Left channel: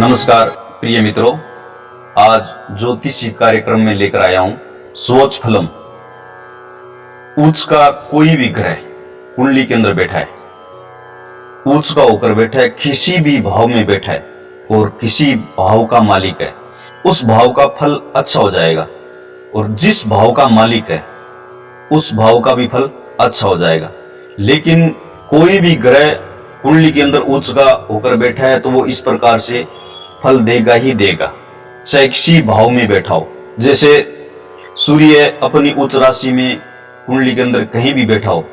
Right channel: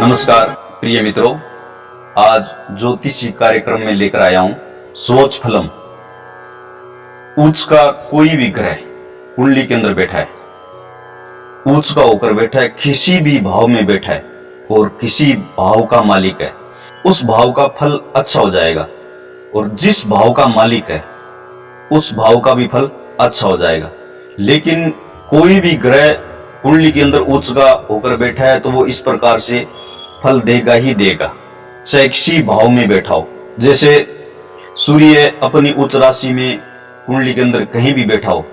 नमस्कार प्रिय मित्रों, आज ज्योतिषी कार्यक्रम में लेकर आया हूं स्वच्छ फलम। उच्च का कोई भी ग्रह कुंडली के अंदर बैठा है, उच्च का होकर बैठा है, किसी भी भाव में बैठा है और किसी भाव का मालिक है, उस भाव का फल अच्छा हो जाएगा। और जिस भाव का मालिक है उस भाव का भी फल अच्छा हो जाएगा। लेकिन कोई भी ग्रह कुंडली के अंदर उच्च का होकर बैठा है तो वो इस प्रकार से फल देगा ही देगा, चाहे किसी भाव में बैठा हो। जैसे सूर्य अपनी उच्च राशि में कुंडली के अंदर कहीं भी बैठा हो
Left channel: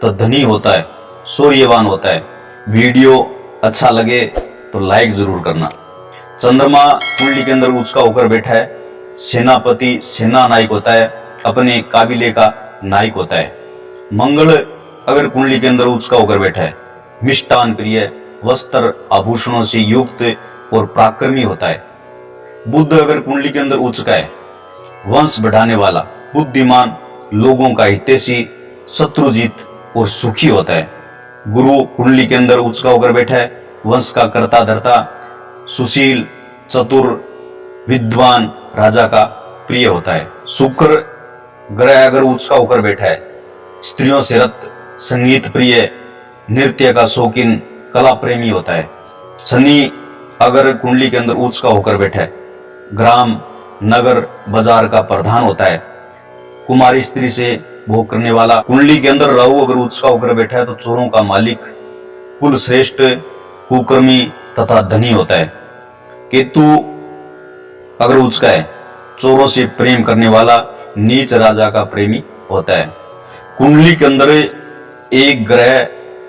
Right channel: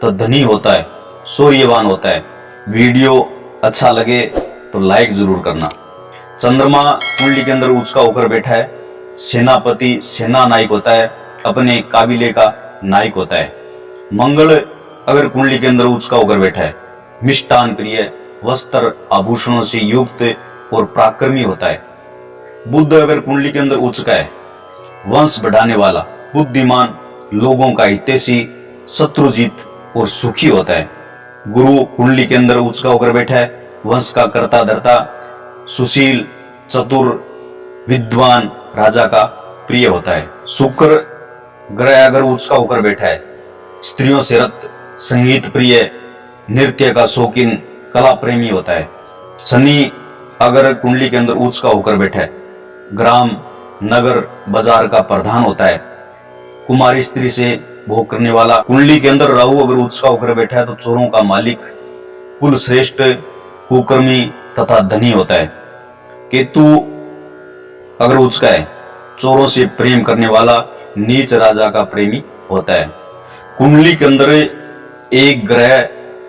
तो धनी होता है, शौर्यवान होता है। वीडियो अच्छा लगे तो लाइक जरूर करना। चंद्रमा कुंडली के अंदर उच्च का होकर बैठा है, सेनापति, सेना नायक होता है, अपने काबिले का नायक होता है। मंगल अगर कुंडली के अंदर उच्च का होकर बैठा है, मिष्टान प्रिय, वस्त्र आभूषणों से युक्त और पराक्रमी होता है। बुध अगर कुंडली के अंदर उच्च का है, वंश बढ़ाने वाला, बुद्धिमान, लोगों का हितैषी, शत्रुजीत और सुखी होता है। गुरु कुंडली के अंदर उच्च का होकर बैठा है, वंश का कर्ता धर्ता, सुशील, चतुर, विद्वान, राजा का प्रिय होता है। शुक्र ग्रह अगर उच्च का होकर बैठा है, स्त्रियों से रत, संगीत प्रिय, नृत्य का शौकीन, कला प्रेमी होता है। शनि अगर कुंडली के अंदर उच्च का होकर बैठा है, ग्राम, नगर, बाजार का प्रधान होता है। कुमारी स्त्री से भोग करने वाला। कुंडली के अंदर राहु अगर उच्च का होकर बैठा है तो चोरों का मालिक, कुल श्रेष्ठ, कुकर्मी तथा धनी होता है। केतु अगर उच्च का है, चोरों से प्रेम करने वाला, नीच राजा का प्रेमी होता है। कुंडली के अंदर एक ग्रह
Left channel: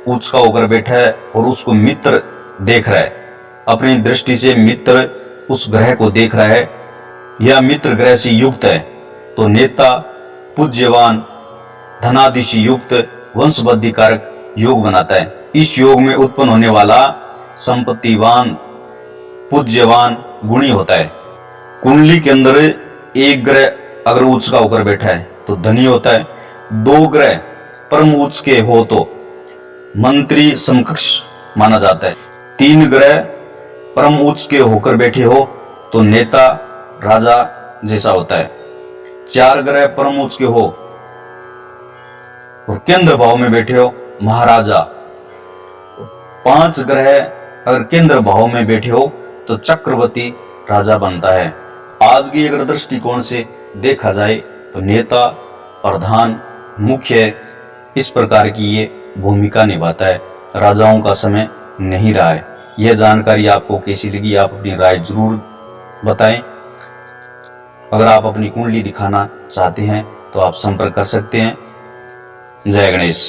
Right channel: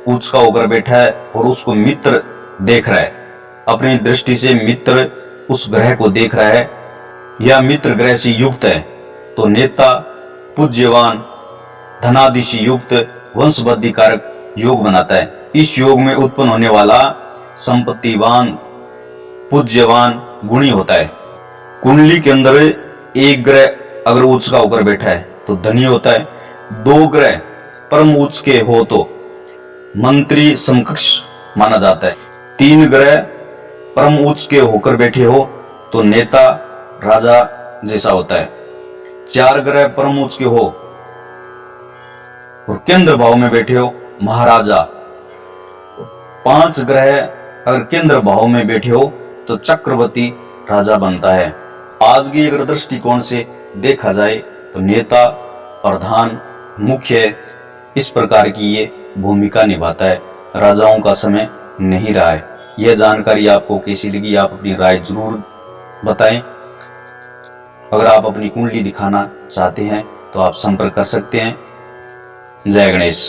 उच्च का होकर बैठा है और उसको मित्र देख रहा है, अपनी दृष्टि से मित्र उस ग्रह को देख रहा है या मित्र ग्रह से युक्त है तो नेता, पूज्यवान, धनादि से युक्त, वंशवृद्धि कारक योग बनाता है। इस योग में उत्पन्न होने वाला संपत्तिवान, पूज्यवान, गुणी होता है। कुंडली के अंदर एक ग्रह अगर उच्च का होकर बैठा है तो धनी होता है। दो ग्रह परम उच्च के हो तो मंत्री समकक्ष माना जाता है। तीन ग्रह परम उच्च के होकर बैठे हो तो नेता, राजा जैसा होता है। चार ग्रह परम उच्च के हो और केंद्र भाव में बैठे हो, महाराजा। पांच ग्रह अगर केंद्र भाव में बैठे हो तो चक्रवर्ती राजा बनता है। आज की अगर दृष्टिकोण से देखा जाए तो नेता, प्रधान, मुख्य, इस प्रकार की ये भूमिका निभाता है। राजाओं का समय नहीं रहा है। यह जानकारी आपको कैसी लगी, आप अपनी राय जरूर बताएं। अगर आप अपनी कुंडली दिखाना चाहते हैं तो आप संपर्क कर सकते हैं। जय गणेश।